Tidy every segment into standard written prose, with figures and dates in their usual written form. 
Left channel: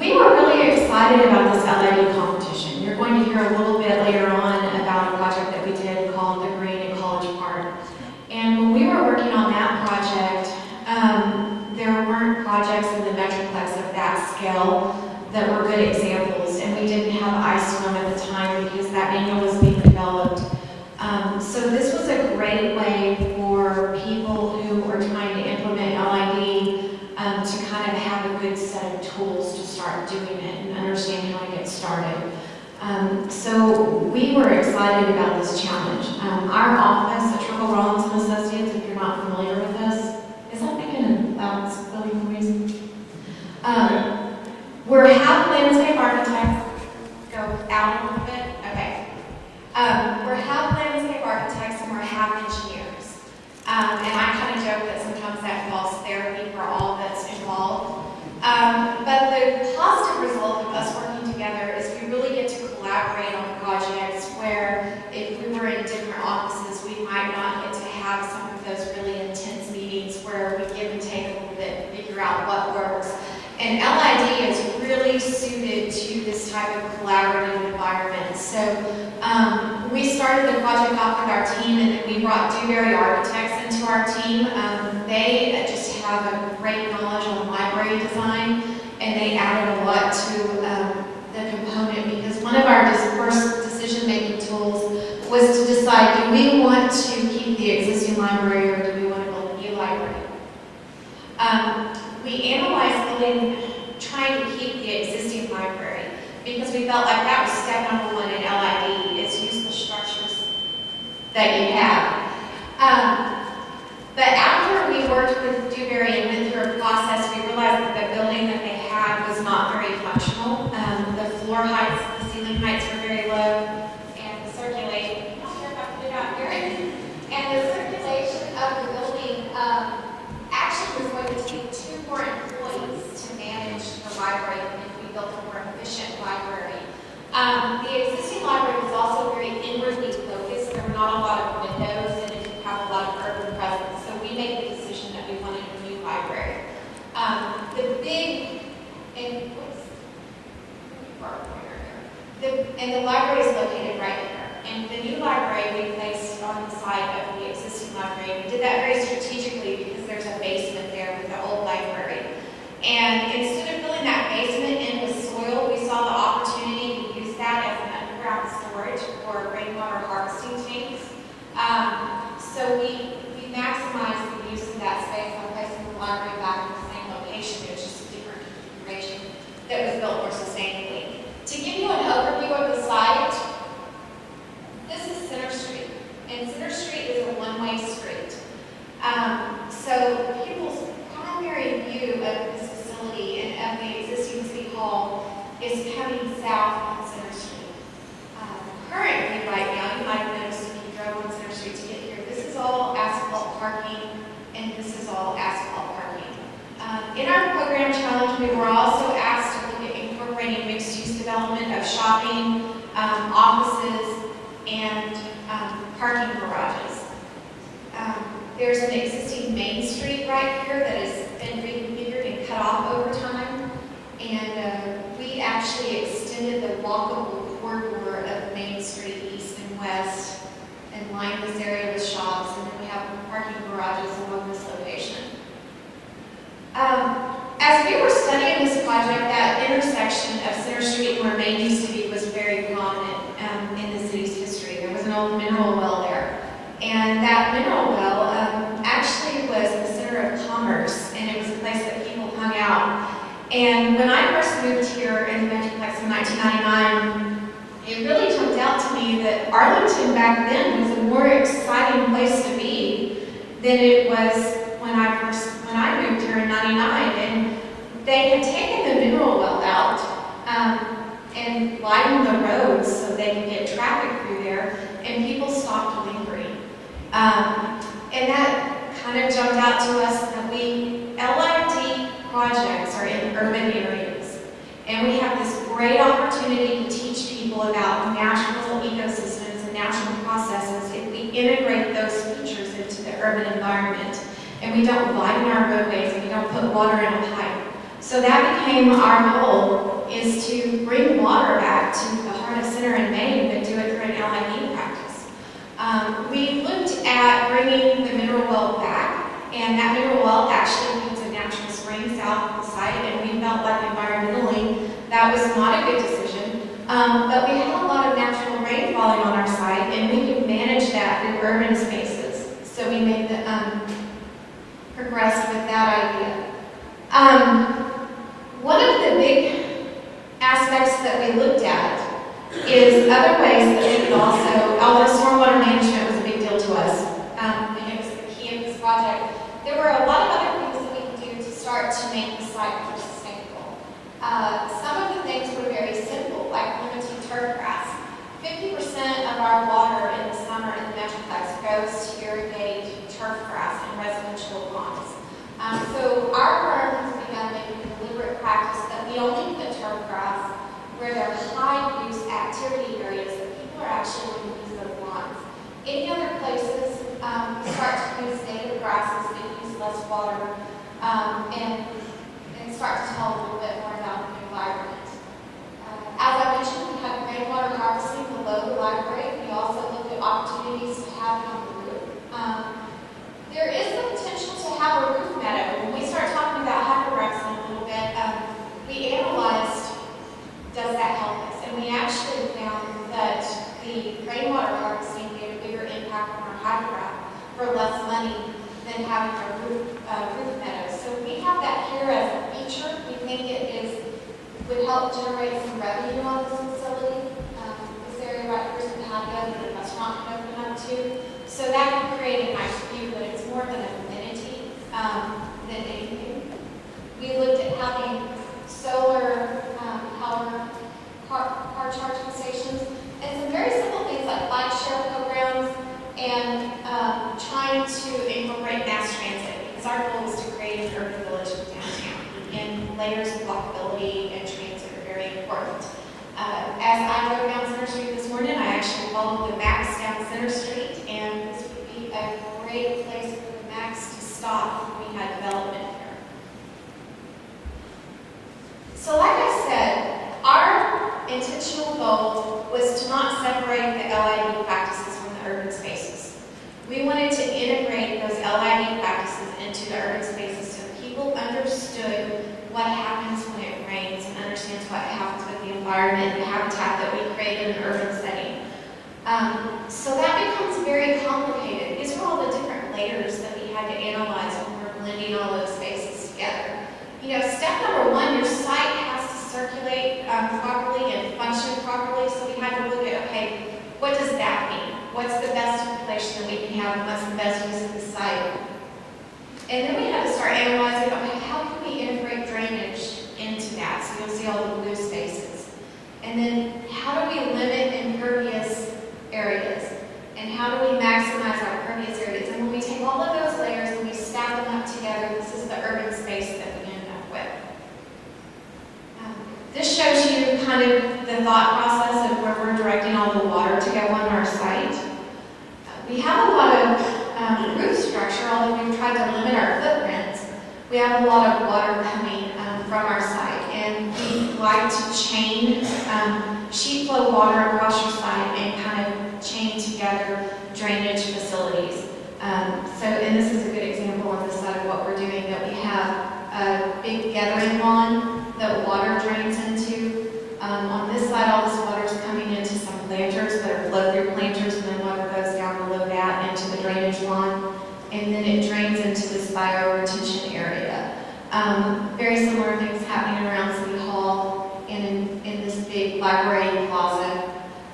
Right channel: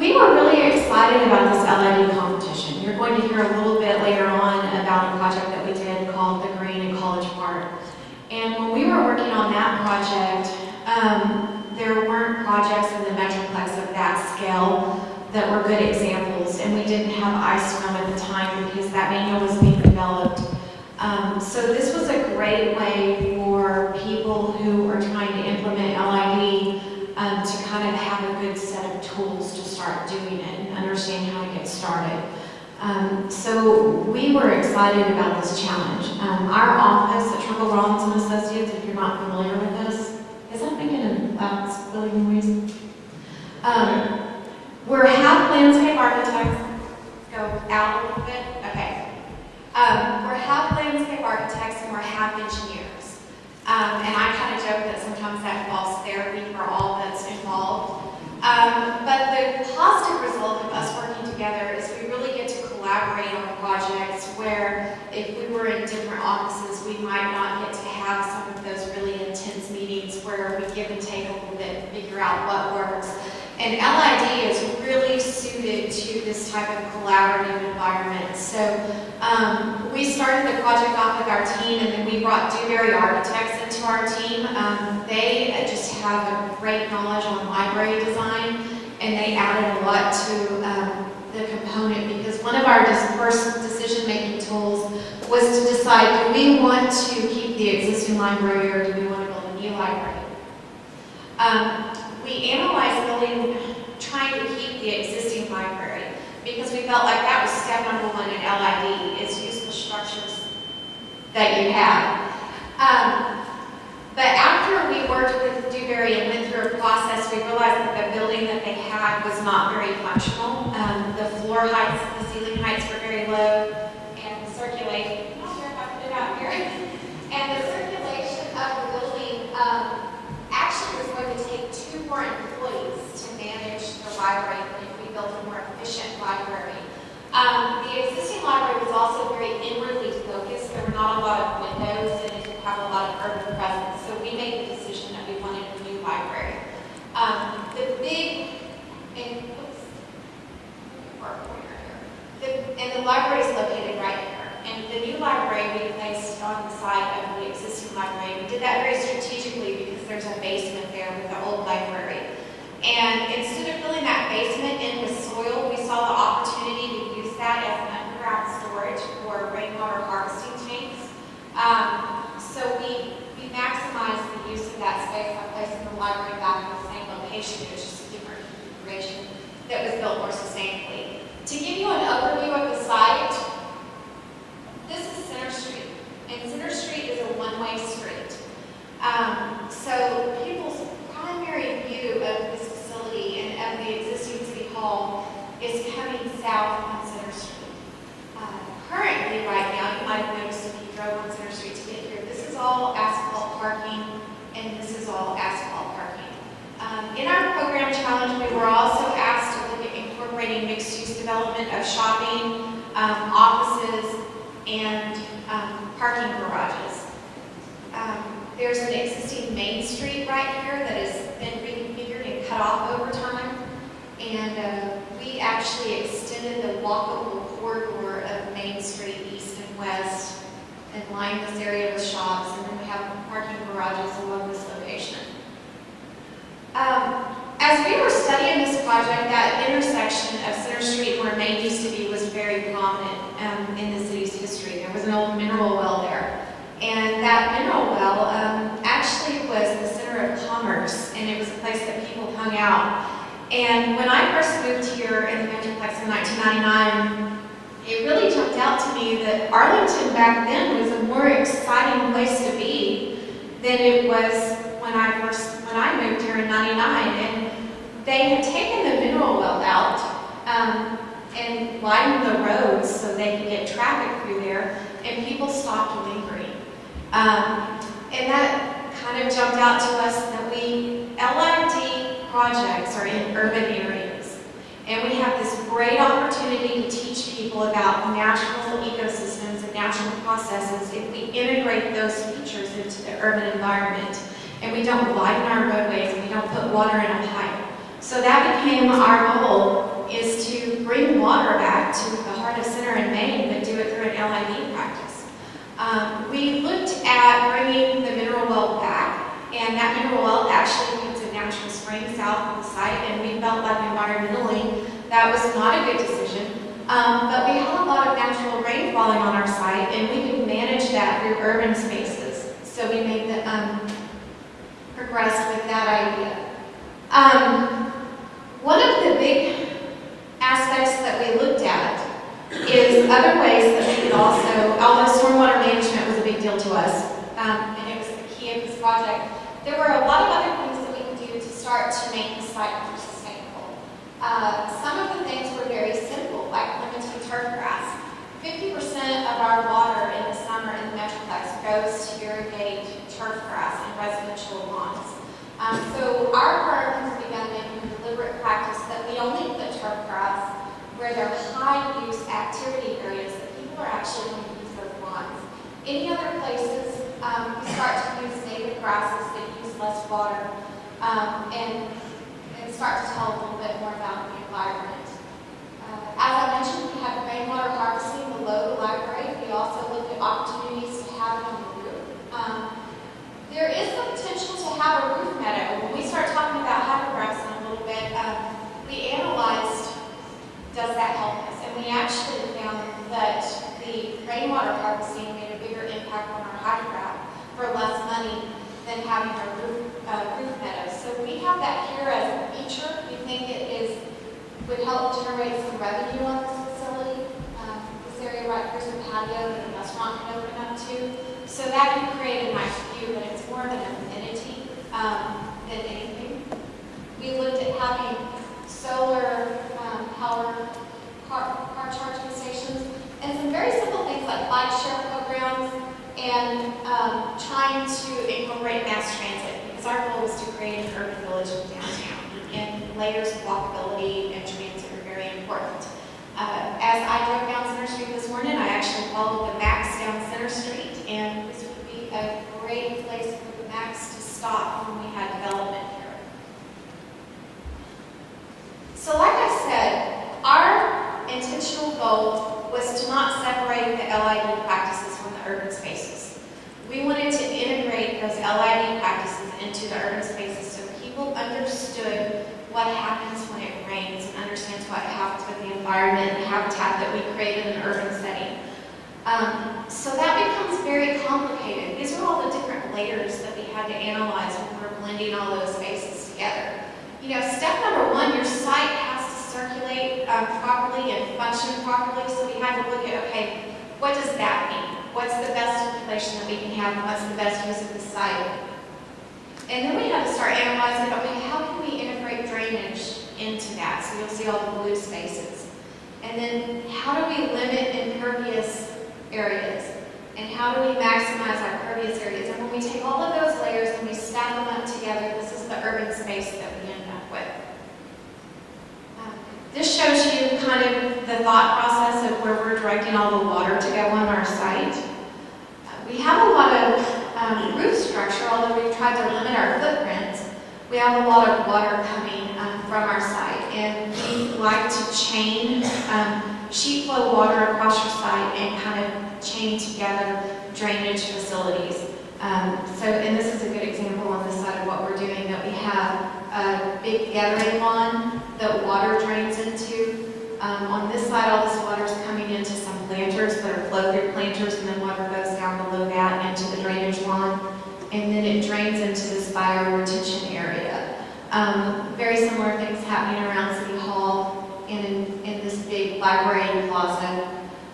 We were really excited about this LID competition. You're going to hear a little bit later on about a project that we did called the Green in College Park. And when we were working on that project, there weren't projects in the Metroplex of that scale that were good examples, and we didn't have iSWM at the time because that manual was being developed. So this was a great way for people who are trying to implement LID to kind of have a good set of tools to start doing it and understand how to get started. So we were excited about this challenge. Our office at Schrickel, Rollins Associates, if you're not familiar with this, is that making a loud squealing noise? We're half landscape architects. Go out a little bit. Okay. We're half landscape architects and we're half engineers. And I kind of joke that sometimes that involves therapy for all that's involved. But the positive result of us working together is we really get to collaborate on projects where if we were in different offices, we might not get to have some of those really intense meetings where we give and take a little bit and figure out what works. And LID is really suited to this type of collaborative environment. So we started the project off with our team, and then we brought Dewberry Architects into our team. They just have a great knowledge on library design, and they added a lot to the component because one of our first decision-making tools was to decide, do we want to keep the existing library or do we want to build a new library? We analyzed trying to keep the existing library because we felt like that was step number one in LID, is use the structures that you have. But after we worked with Dewberry and went through a process, we realized that the building that they had was not very functional. The floor heights, the ceiling heights were very low, and the circulation, I'm not sure if I put it out here, and the circulation of the building actually was going to take 2 more employees to manage the library if we built a more efficient library. The existing library was also very inwardly focused. There were not a lot of windows and it didn't have a lot of urban presence. So we made the decision that we wanted a new library. And the library is located right here. And the new library we placed on the side of the existing library. We did that very strategically because there's a basement there with the old library. And instead of filling that basement in with soil, we saw the opportunity to use that as an underground storage for rainwater harvesting tanks. So we maximized the use of that space by placing the library back in the same location. It was just a different configuration that was built more sustainably. To give you an overview of the site, this is Center Street, and Center Street is a one-way street. So people's primary view of this facility and of the existing City Hall is coming south on Center Street. Currently, right now, you might have noticed if you drove on Center Street to get here, this is all asphalt parking, and this is all asphalt parking. In our program challenge, we were also asked to look at incorporating mixed-use development of shopping, offices, and parking garages. There's an existing Main Street right here that has been reconfigured and cut off over time. And we actually extended the walkable corridor of Main Street east and west and lined this area with shops, and then we have parking garages along this location. As we were studying this project, that intersection of Center Street and where Main used to be was very prominent in the city's history. There was an old mineral well there. And that mineral well actually was the center of commerce, and it was a place that people hung out. And when I first moved here in the Metroplex in 1999, it really jumped out to me that Arlington back then was a more exciting place to be than it was when I moved here in 99. And they had taken the mineral well out and widened the roads so they could get traffic through there, and people stopped lingering. And that kind of jumped out to us that LID projects are in urban areas. And we have this great opportunity to teach people about natural ecosystems and natural processes if we integrate those features into the urban environment. And we don't widen our roadways and we don't put water in a pipe. So that became our goal bring water back to the heart of Center and Main, but do it through an LID practice. We looked at bringing the mineral well back, and that mineral well actually needs a natural spring south of the site, and we felt like environmentally that was not a good decision. But we had a lot of natural rain falling on our site, and we could manage that through urban spaces. So we made the progressed with that idea. One of the big aspects that we looked at is other ways that we could also, although stormwater management was a big deal to us, and it was the key of this project, there were a lot of other things that we could do to start to make the site more sustainable. Some of the things were very simple, like limiting turf grass. 50% of our water in the summer in the Metroplex goes to irrigate turf grass and residential lawns. So our firm has begun making a deliberate practice that we only put turf grass where there are high-use activity areas that people are actually going to use those lawns. Any other places, we start to use native grasses that use less water and start to tell a little bit more about the environment. As I mentioned, we have rainwater harvesting below the library. We also looked at opportunities to have it on the roof. There is the potential to have a roof meadow. When we start talking about hypergrowth in a little bit, we analyzed, does that help us? And we actually found that the rainwater harvesting made a bigger impact on our hydrograph for less money than having a roof meadow. So we have that here as a feature. We think it would help generate some revenue on this facility. This area right here's the patio that the restaurant can open up to. So that can create a nice view, but it's more of an amenity than anything. We looked at having solar power car charging stations and some very simple things like bike share programs and trying to incorporate mass transit, because our goal is to create an urban village downtown, and layers of walkability and transit are very important. As I drove down Center Street this morning, I actually followed the Max down Center Street, and this would be a great place for the Max to stop when we had development here. So like I said, our intentional goal was to not separate the LID practices from the urban spaces. We wanted to integrate those LID practices into the urban spaces so people understood what happens when it rains and understands what happens with the environment and the habitat that we create in an urban setting. So that becomes very complicated. These are all the different layers that we had to analyze when we're blending all those spaces together. You know, step number one, your site has to circulate properly and function properly, so we had to look at, okay, what does that mean? What's the best installation that we can have, and what's the best use of the site? And then we had to start analyzing, okay, how can we integrate drainage into that? So you'll see all the blue spaces. And then how do we limit impervious areas? And how do we maximize our pervious areas? And when we take all of those layers and we stack them up together, this is the urban space that we end up with. This shows you kind of the thought process of where we're directing all the water to go on our site. We have a lot of roof structure, although we've tried to limit our footprints. We have a lot of water coming from our site, and we like to chain sheet flow water across your site and kind of chain together drainage facilities. And this is a good example on this side of what we're doing, that we have a big gathering lawn that water drains into. On this side, all this water is coming into some planters that are flow-through planters, and then water goes down below that into the drainage lawn, and then it drains into this bio-retention area. Very similar things happening around City Hall and in this big library plaza.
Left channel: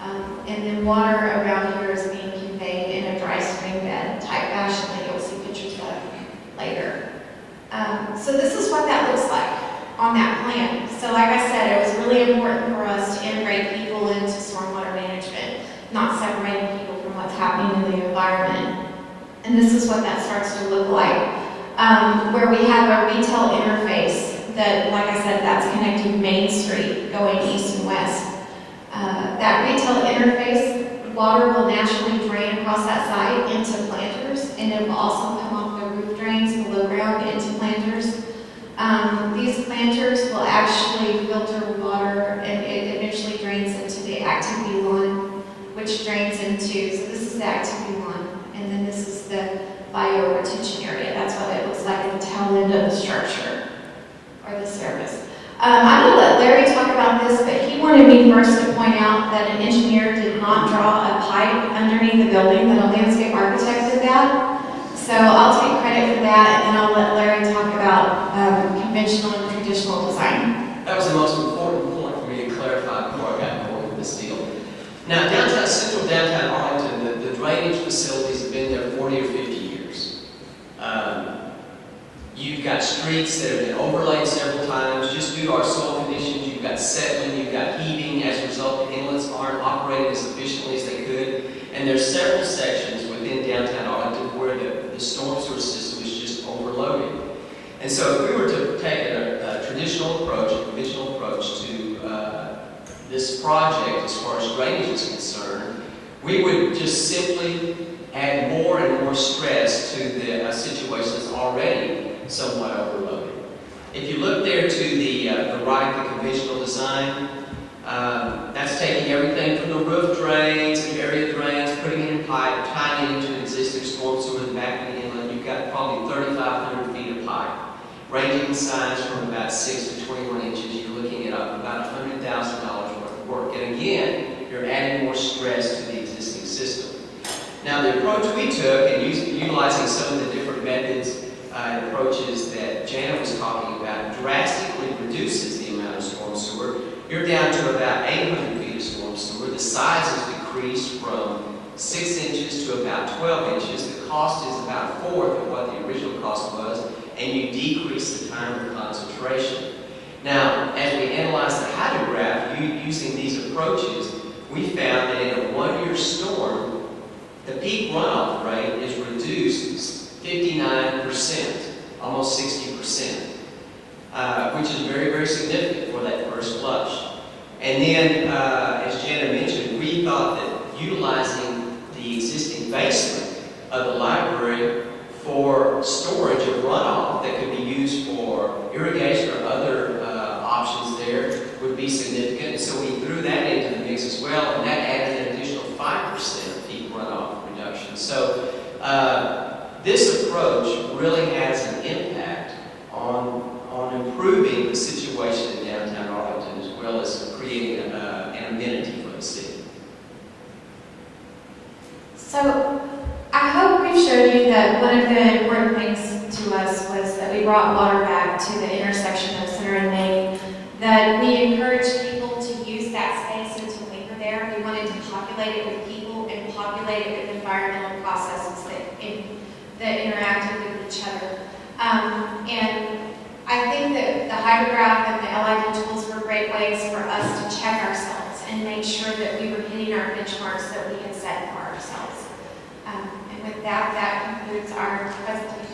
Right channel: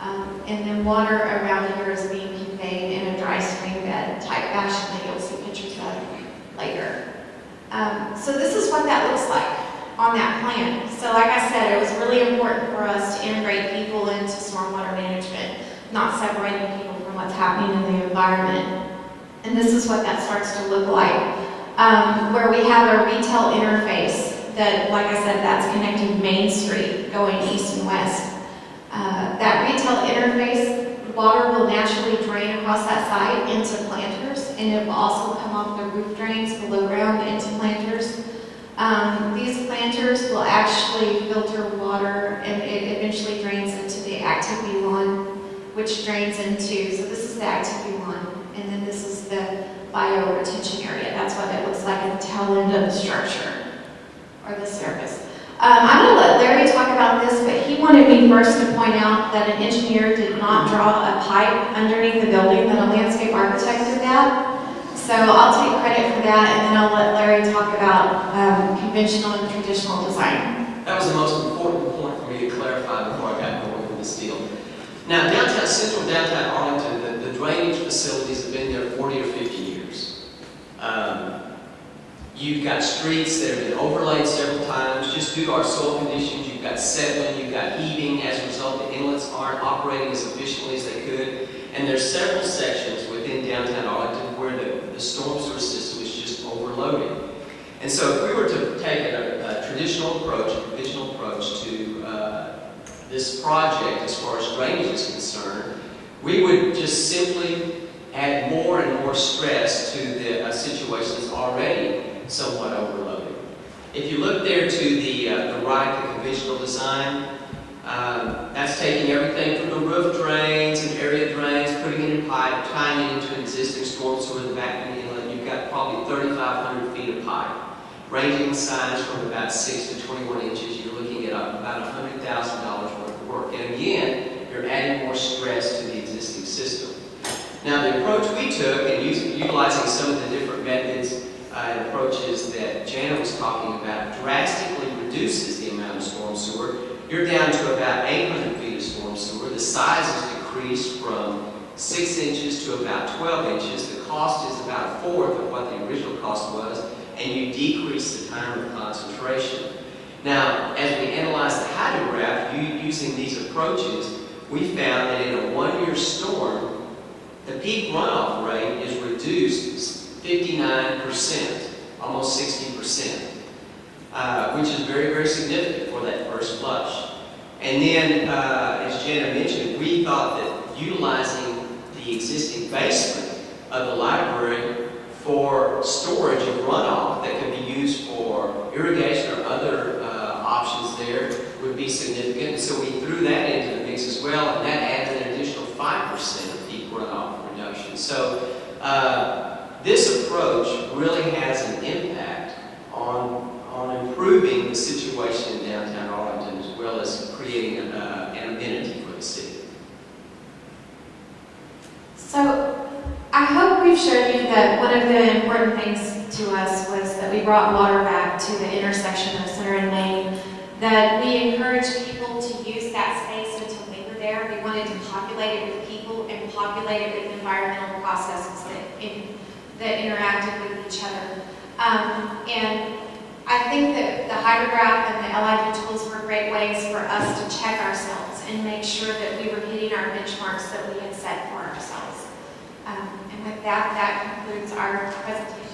And then water around here is being conveyed in a dry spring bed type fashion that you'll see pictures of later. So this is what that looks like on that plan. So like I said, it was really important for us to integrate people into stormwater management, not separating people from what's happening in the environment. And this is what that starts to look like, where we have a retail interface that, like I said, that's connecting Main Street going east and west. That retail interface, water will naturally drain across that site into planters, and it will also come off the roof drains below ground into planters. These planters will actually filter water, and it which drains into, so this is the activity one, and then this is the bio retention area. That's what it looks like at the tail end of the structure, or the surface. I'm going to let Larry talk about this, but he wanted me first to point out that an engineer did not draw a pipe underneath the building, that a landscape architect did that. So I'll take credit for that, and then I'll let Larry talk about conventional and traditional design. That was the most important point for me to clarify before I got going with this deal. Now, central downtown Arlington, the drainage facilities have been there 40 or 50 years. You've got streets that have been overlaid several times just due to our soil conditions. You've got settling, you've got heaving. As a result, the inlets aren't operating as efficiently as they could. And there's several sections within downtown Arlington where the storm sewer system is just overloaded. And so if we were to take a traditional approach, a conventional approach to this project as far as drainage is concerned, we would just simply add more and more stress to the situation that's already somewhat overloaded. If you look there to the right, the conventional design, that's taking everything from the roof drains and area drains, putting it in pipe, tying it into an existing storm sewer in the back of the inlet. You've got probably 3,500 feet of pipe, ranging in size from about 6 to 21 inches. You're looking at about $100,000 worth of work. And again, you're adding more stress to the existing system. Now, the approach we took, and utilizing some of the different methods and approaches that Jana was talking about, drastically reduces the amount of storm sewer. You're down to about 800 feet of storm sewer. The size is decreased from 6 inches to about 12 inches. The cost is about a fourth of what the original cost was, and you decrease the time of concentration. Now, as we analyzed the hydrograph using these approaches, we found that in a one-year storm, the peak runoff rate is reduced 59%, almost 60%, which is very, very significant for that first flush. And then, as Jana mentioned, we thought that utilizing the existing basement of the library for storage of runoff that could be used for irrigation or other options there would be significant. And so we threw that into the mix as well, and that added an additional 5% of peak runoff reduction. So this approach really has an impact on improving the situation in downtown Arlington, as well as creating an amenity for the city. So I hope we've showed you that one of the important things to us was that we brought water back to the intersection of Center and Main, that we encouraged people to use that space and to linger there. We wanted to populate it with people and populate it with environmental processes that interacted with each other. And I think that the hydrograph and the LID tools were great ways for us to check ourselves and make sure that we were hitting our benchmarks that we had set for ourselves. And with that, that concludes our presentation.